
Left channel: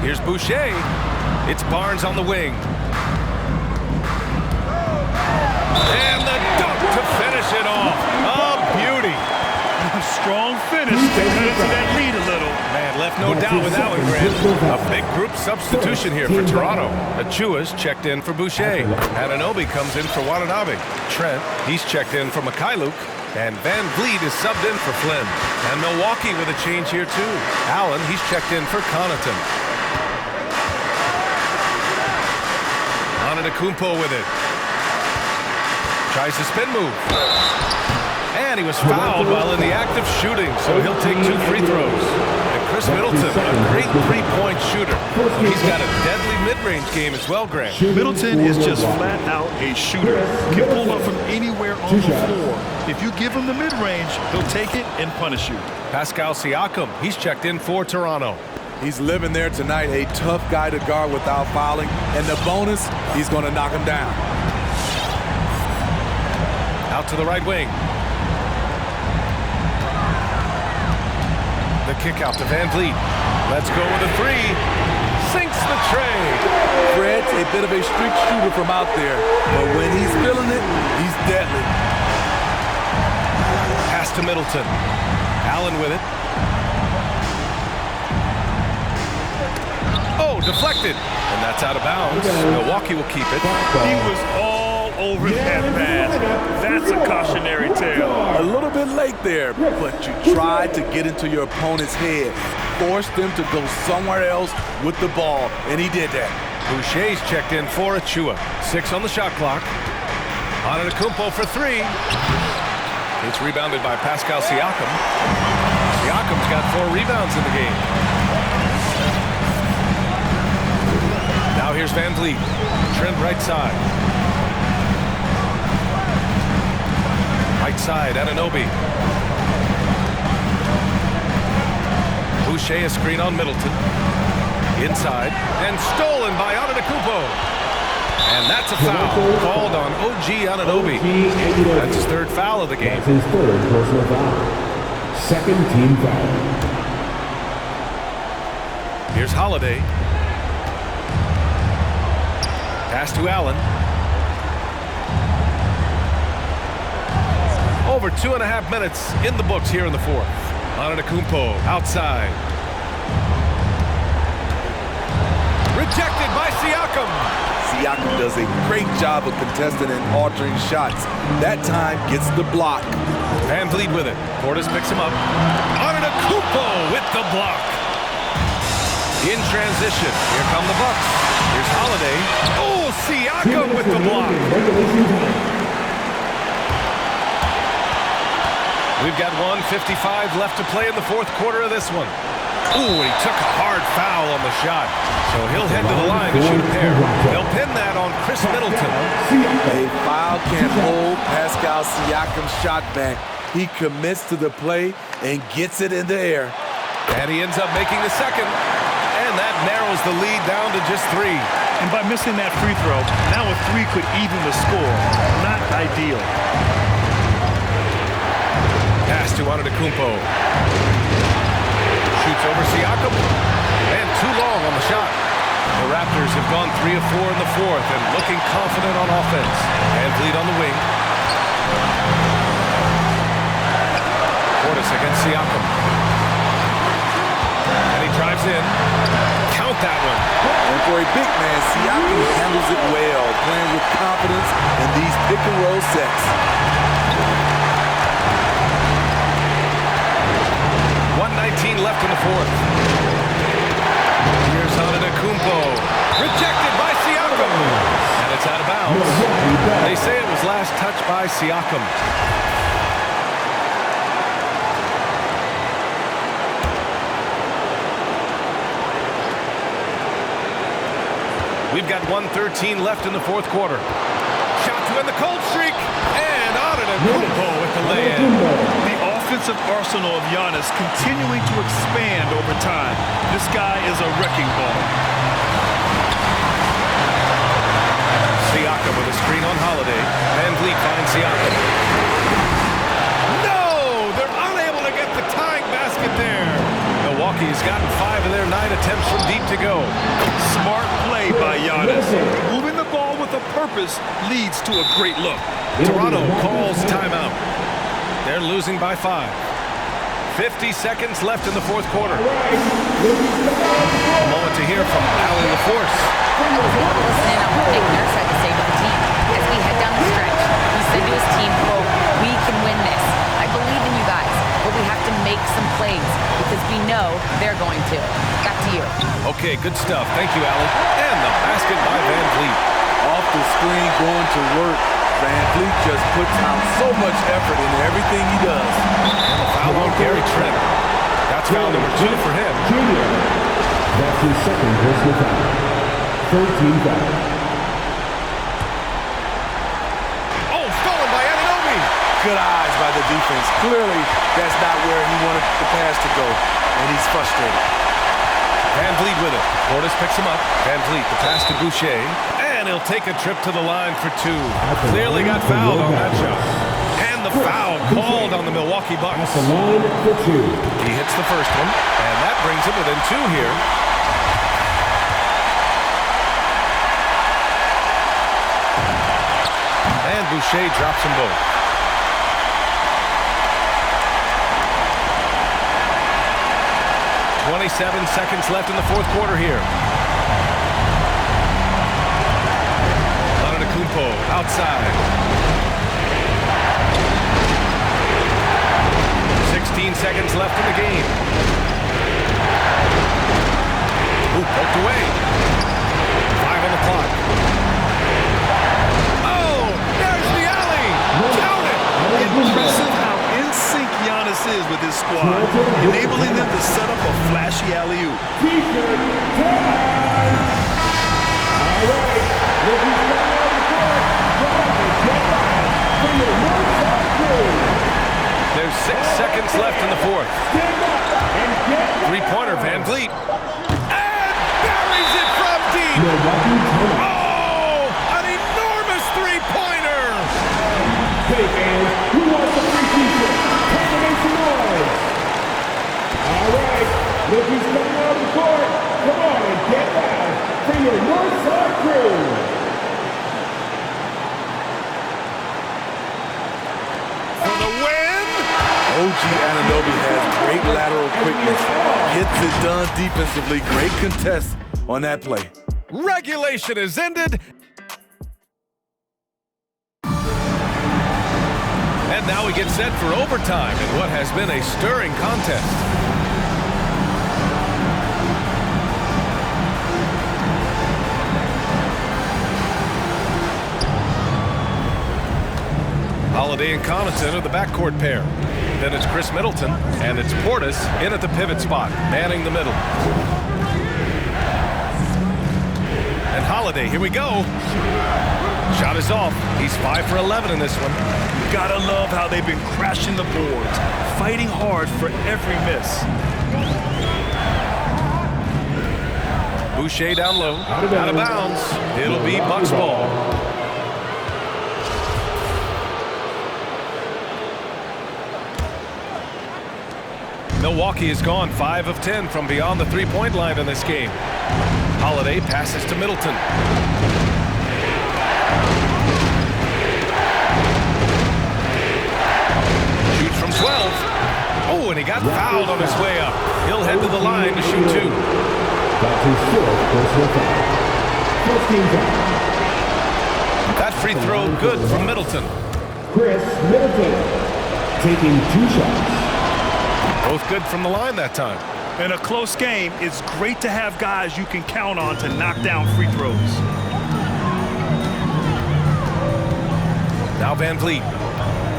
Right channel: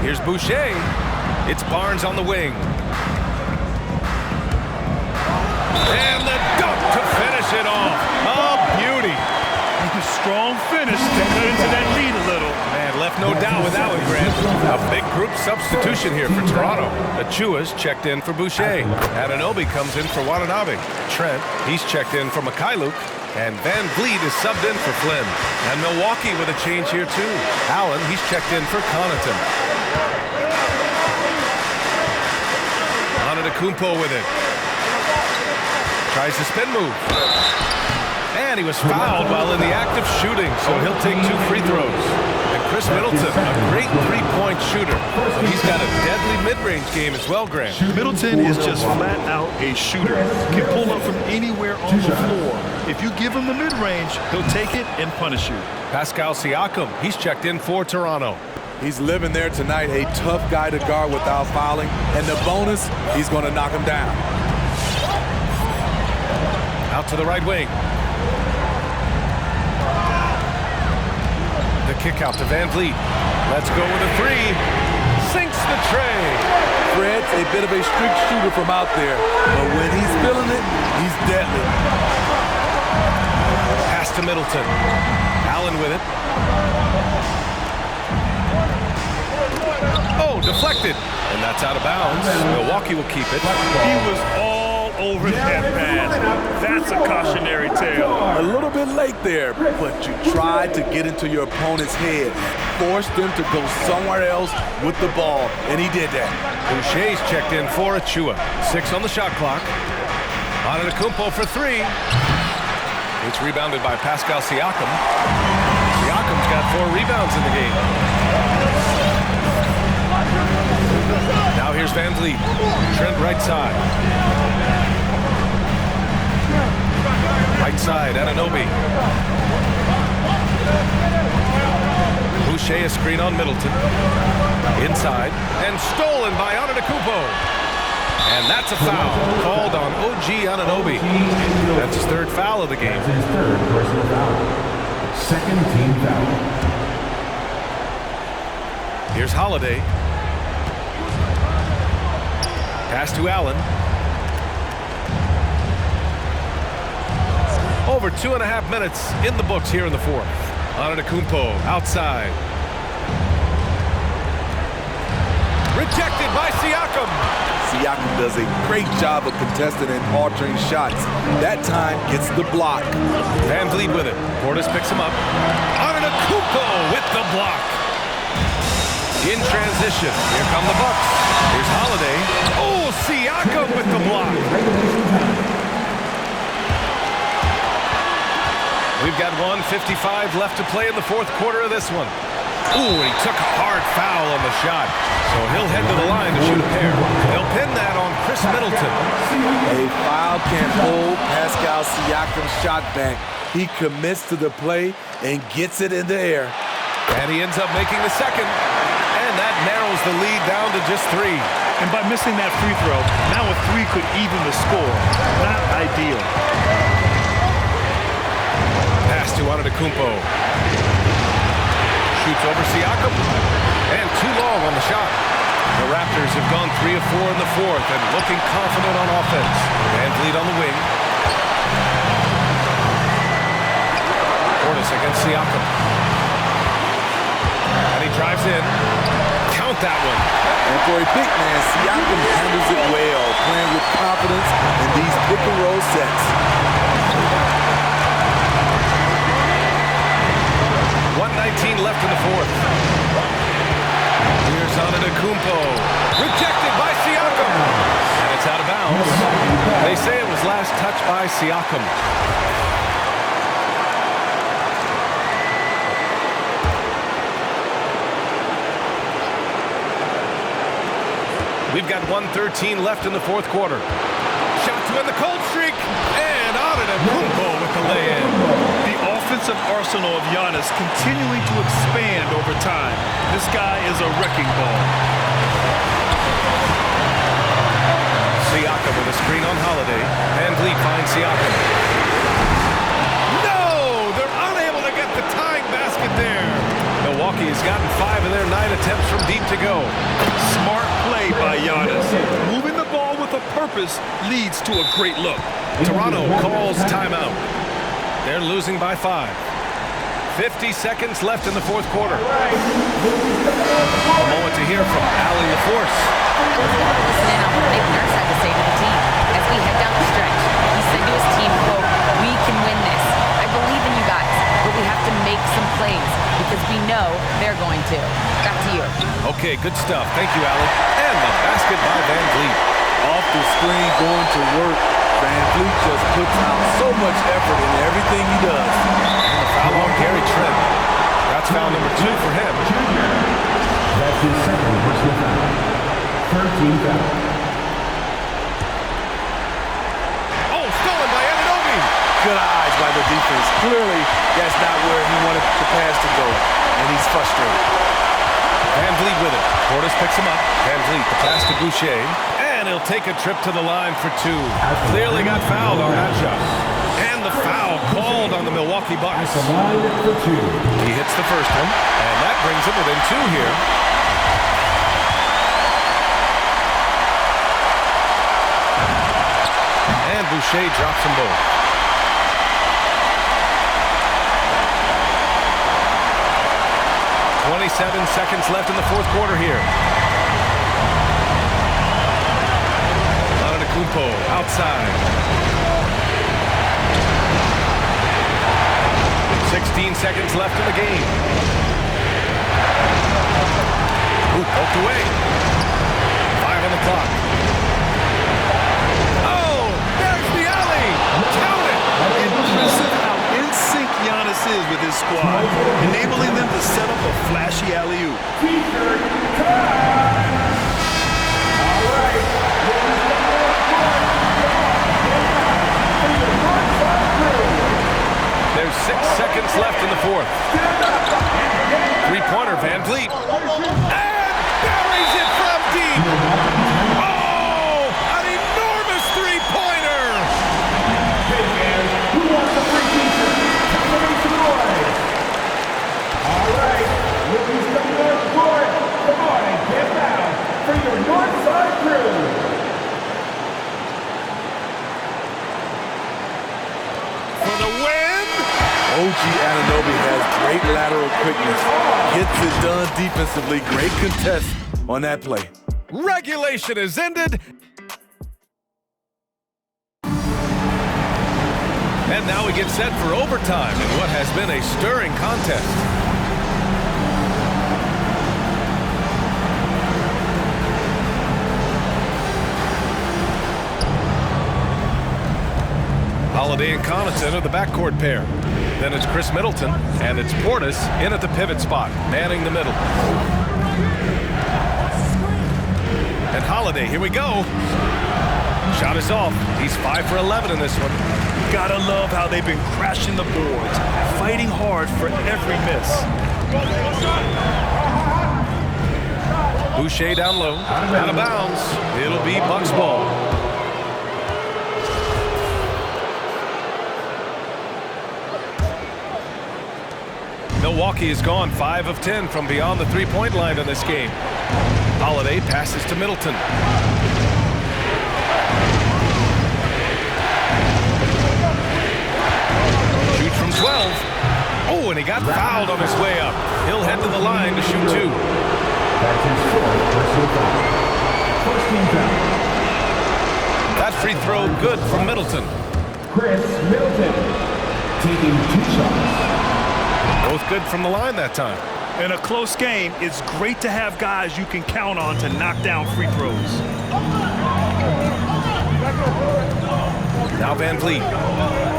Here's Boucher. It's Barnes on the wing. And the dunk to finish it off. A beauty. A strong finish to cut into that lead a little. Man, left no doubt with that one, Grant. A big group substitution here for Toronto. Achua's checked in for Boucher. Anunoby comes in for Watanabe. Trent, he's checked in for Mikhailuk. And Van Vliet is subbed in for Flynn. And Milwaukee with a change here, too. Allen, he's checked in for Connaughton. Antetokounmpo with it. Tries the spin move. And he was fouled while in the act of shooting, so he'll take 2 free throws. And Chris Middleton, a great three-point shooter. But he's got a deadly mid-range game as well, Grant. Middleton is just flat out a shooter. Can pull up from anywhere on the floor. If you give him the mid-range, he'll take it and punish you. Pascal Siakam, he's checked in for Toronto. He's living there tonight, a tough guy to guard without fouling. And the bonus, he's going to knock him down. Out to the right wing. The kick out to Van Vliet. Let's go with a 3. Sinks the tray. Fred's a bit of a streak shooter from out there, but when he's feeling it, he's deadly. Pass to Middleton. Allen with it. Oh, deflected. And that's out of bounds. Milwaukee will keep it. He was all over that pass. That's a cautionary tale. A little bit late there, but you tried to get into your opponent's head. Forced them to go somewhere else with the ball, and he did that. Boucher's checked in for Achua. 6 on the shot clock. Antetokounmpo for 3. It's rebounded by Pascal Siakam. Siakam's got 4 rebounds in the game. Now here's Van Vliet. Trent right side. Right side, Anunoby. Boucher a screen on Middleton. Inside. And stolen by Antetokounmpo. And that's a foul called on OG Anunoby. That's his 3rd foul of the game. That's his 3rd personal foul. 2nd team foul. Here's Holiday. Pass to Allen. Over 2.5 minutes in the books here in the 4th. Antetokounmpo outside. Rejected by Siakam. Siakam does a great job of contesting and altering shots. That time gets the block. Van Vliet with it. Portis picks him up. Antetokounmpo with the block. In transition. Here come the Bucks. Here's Holiday. Oh, Siakam with the block. We've got 1:55 left to play in the 4th quarter of this one. Ooh, and he took a hard foul on the shot. So he'll head to the line to shoot a pair. They'll pin that on Chris Middleton. A foul can't hold Pascal Siakam's shot back. He commits to the play and gets it in the air. And he ends up making the 2nd. And that narrows the lead down to just 3. And by missing that free throw, now a 3 could even the score. Not ideal. Pass to Antetokounmpo. Shoots over Siakam. And too long on the shot. The Raptors have gone 3 of 4 in the 4th and looking confident on offense. Van Vliet on the wing. Portis against Siakam. And he drives in. Count that one. And for a big man, Siakam handles it well, playing with confidence in these pick-and-roll sets. 1:19 left in the 4th. Here's Antetokounmpo. Rejected by Siakam. And it's out of bounds. They say it was last touched by Siakam. We've got 1:13 left in the 4th quarter. Shot to end the cold streak. And Antetokounmpo with the lay-in. The offensive arsenal of Giannis continuing to expand over time. This guy is a wrecking ball. Siakam with a screen on Holiday. Van Vliet finds Siakam. No! They're unable to get the tying basket there. Milwaukee has gotten 5 of their 9 attempts from deep to go. Smart play by Giannis. Moving the ball with a purpose leads to a great look. Toronto calls timeout. They're losing by 5. 50 seconds left in the fourth quarter. A moment to hear from Allie LaForce. I was able to listen in on what Nick Nurse had to say to the team. As we head down the stretch, he said to his team, quote, "We can win this. I believe in you guys, but we have to make some plays because we know they're going to." Back to you. Okay, good stuff. Thank you, Allie. And the basket by Van Vliet. Off the screen, going to work. Van Vliet just puts out so much effort in everything he does. And the foul on Gary Trent. That's foul number 2 for him. Junior. That's his second personal foul. Third team foul. Oh, stolen by Anunoby. Good eyes by the defense. Clearly, that's not where he wanted the pass to go, and he's frustrated. Van Vliet with it. Portis picks him up. Van Vliet, the pass to Boucher. And he'll take a trip to the line for 2. Clearly got fouled on that shot. And the foul called on the Milwaukee Bucks. At the line for 2. He hits the first one, and that brings him within 2 here. And Boucher drops them both. .27 seconds left in the fourth quarter here. Antetokounmpo outside. 16 seconds left in the game. Ooh, poked away. 5 on the clock. Oh, there's the alley. Count it. Impressive how in sync Giannis is with his squad, enabling them to set up a flashy alley-oop. T-shirt time. All right. Rookies coming on the court. Come on, get down for your north side crew. There's 6 seconds left in the fourth. Stand up and get down. Three-pointer, Van Vliet. And buries it from deep. Milwaukee timeout. Oh, an enormous three-pointer. Hey fans, who wants the free t-shirt? Time to make some noise. All right, rookies coming on the court. Come on and get down for your north side crew. For the win. OG Anunoby has great lateral quickness. Gets it done defensively. Great contest on that play. Regulation is ended. And now we get set for overtime in what has been a stirring contest. Holiday and Connaughton are the backcourt pair. Then it's Chris Middleton, and it's Portis in at the pivot spot, manning the middle. And Holiday, here we go. Shot is off. He's 5 for 11 in this one. Gotta love how they've been crashing the boards, fighting hard for every miss. Boucher down low, out of bounds. It'll be Bucks ball. Milwaukee has gone 5 of 10 from beyond the three-point line in this game. Holiday passes to Middleton. Shoots from 12. Oh, and he got fouled on his way up. He'll head to the line to shoot 2. That's his fourth personal foul. First team foul. That free throw good from Middleton. Chris Middleton taking 2 shots. Both good from the line that time. In a close game, it's great to have guys you can count on to knock down free throws. Now Van Vliet.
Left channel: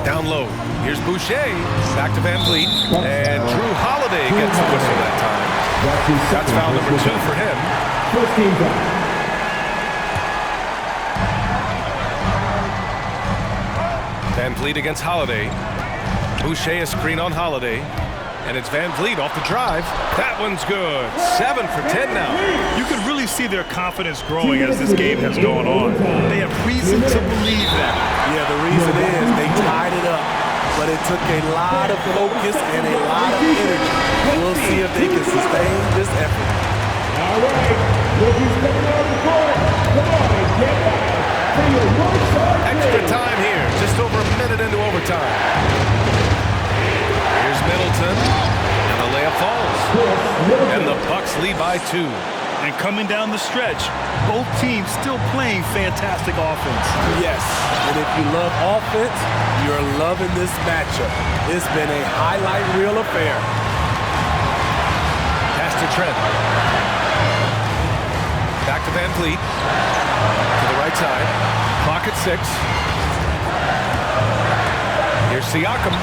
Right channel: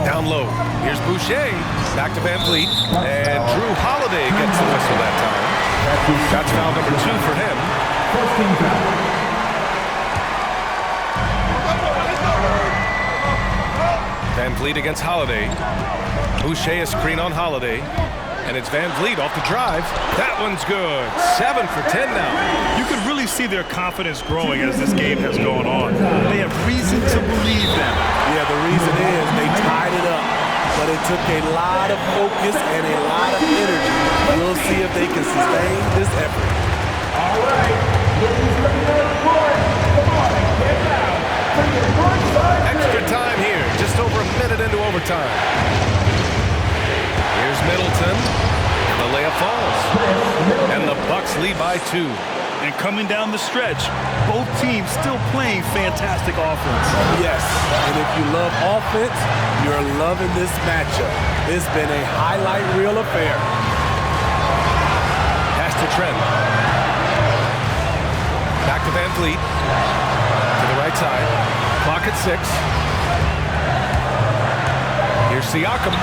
Down low. Here's Boucher. Back to Van Vliet. And Drew Holiday gets the whistle that time. That's foul number 2 for him. First team foul. Van Vliet against Holiday. Boucher a screen on Holiday. And it's Van Vliet off the drive. That one's good. 7 for 10 now. You can really see their confidence growing as this game has gone on. They have reason to believe them. Yeah, the reason is they tied it up. but it took a lot of focus and a lot of energy. We'll see if they can sustain this effort. All right, look who's coming out of the court. Come on and get down for your north side. Extra time here, just over a minute into overtime. Here's Middleton, and the layup falls. And the Bucks lead by 2. And coming down the stretch, both teams still playing fantastic offense. Yes, and if you love offense, you're loving this matchup. It's been a highlight reel affair. Pass to Trent. Back to Van Vliet. To the right side. Clock at 6. Here's Siakam.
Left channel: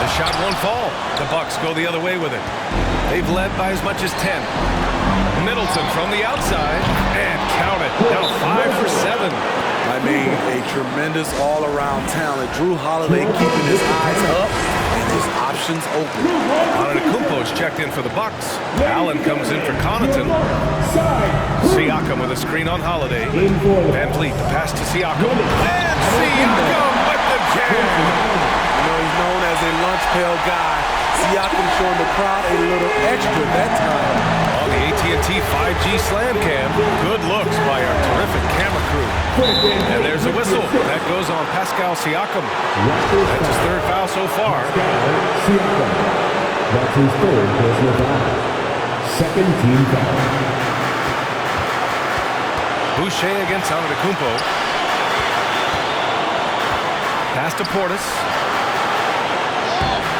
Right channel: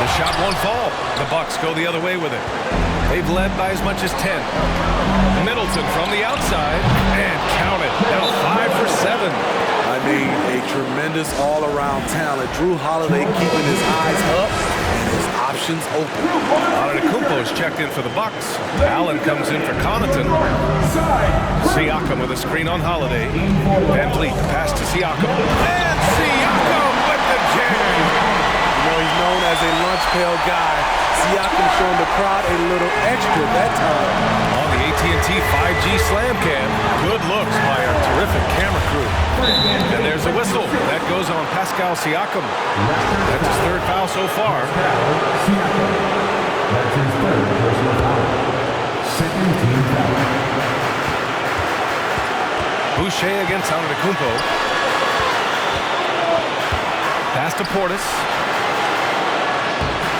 The shot won't fall. The Bucks go the other way with it. They've led by as much as 10. Middleton from the outside, and count it. Now 5 for 7. I mean, a tremendous all-around talent. Drew Holiday keeping his eyes up and his options open. Antetokounmpo's checked in for the Bucks. Allen comes in for Connaughton. Siakam with a screen on Holiday. Van Vliet, the pass to Siakam. And Siakam with the jam. You know, he's known as a lunch pail guy. Siakam showing the crowd a little extra that time. On the AT&T 5G Slam Cam, good looks by our terrific camera crew. And there's a whistle. That goes on Pascal Siakam. That's his 3rd foul so far. Siakam. That's his 3rd personal foul. 2nd team foul. Boucher against Antetokounmpo. Pass to Portis.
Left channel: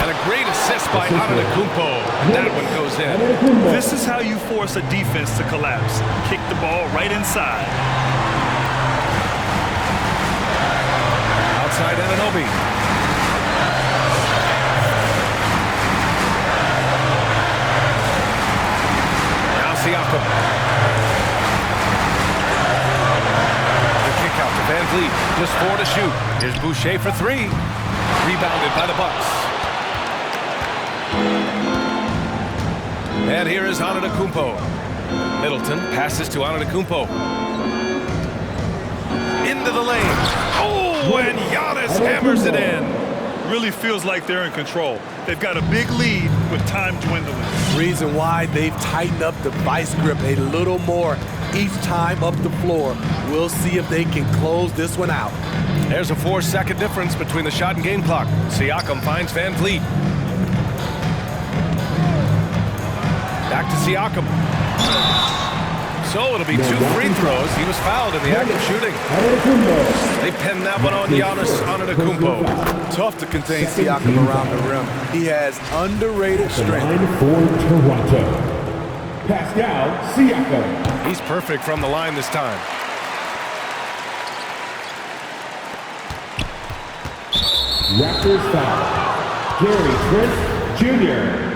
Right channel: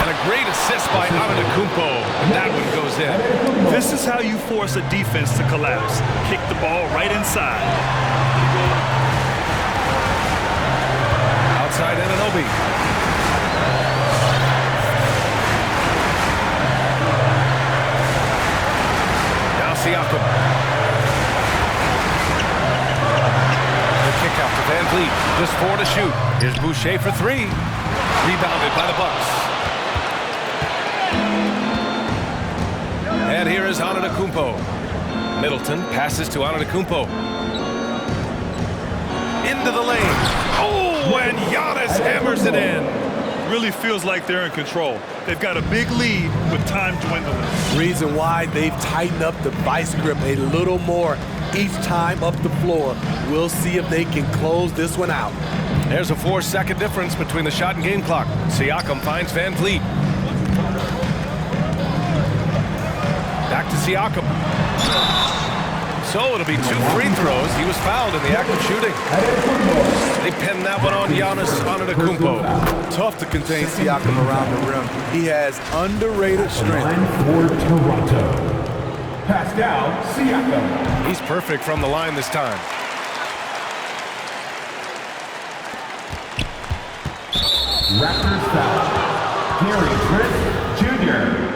And a great assist by Antetokounmpo, and that one goes in. This is how you force a defense to collapse. Kick the ball right inside. Outside Anunoby. Now Siakam. The kick out to Van Vliet. Just 4 to shoot. Here's Boucher for 3. Rebounded by the Bucks. And here is Antetokounmpo. Middleton passes to Antetokounmpo. Into the lane. Oh, and Giannis hammers it in. Really feels like they're in control. They've got a big lead with time dwindling. Reason why they've tightened up the vice grip a little more each time up the floor. We'll see if they can close this one out. There's a 4-second difference between the shot and game clock. Siakam finds Van Vliet. Back to Siakam. So it'll be 2 free throws. He was fouled in the act of shooting. They pinned that one on Giannis Antetokounmpo. Tough to contain Siakam around the rim. He has underrated strength. Line for Toronto. Pascal Siakam. He's perfect from the line this time. Raptors foul. Gary Trent Jr.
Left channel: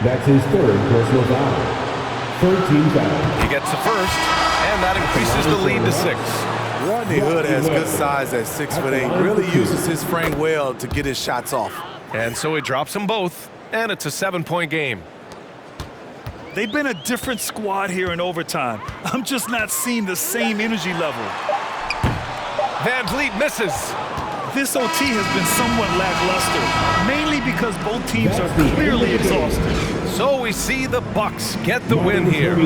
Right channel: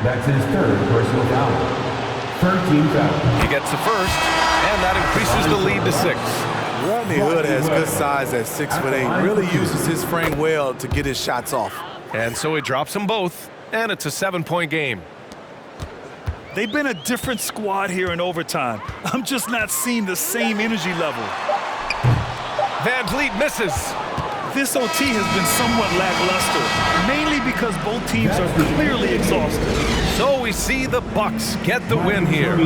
That's his 3rd personal foul. 3rd team foul. He gets the first, and that increases the lead to 6. Rodney Hood has good size at 6'8". Really uses his frame well to get his shots off. And so he drops them both, and it's a 7-point game. They've been a different squad here in overtime. I'm just not seeing the same energy level. Van Vliet misses. This OT has been somewhat lackluster, mainly because both teams are clearly exhausted. So we see the Bucks get the win here.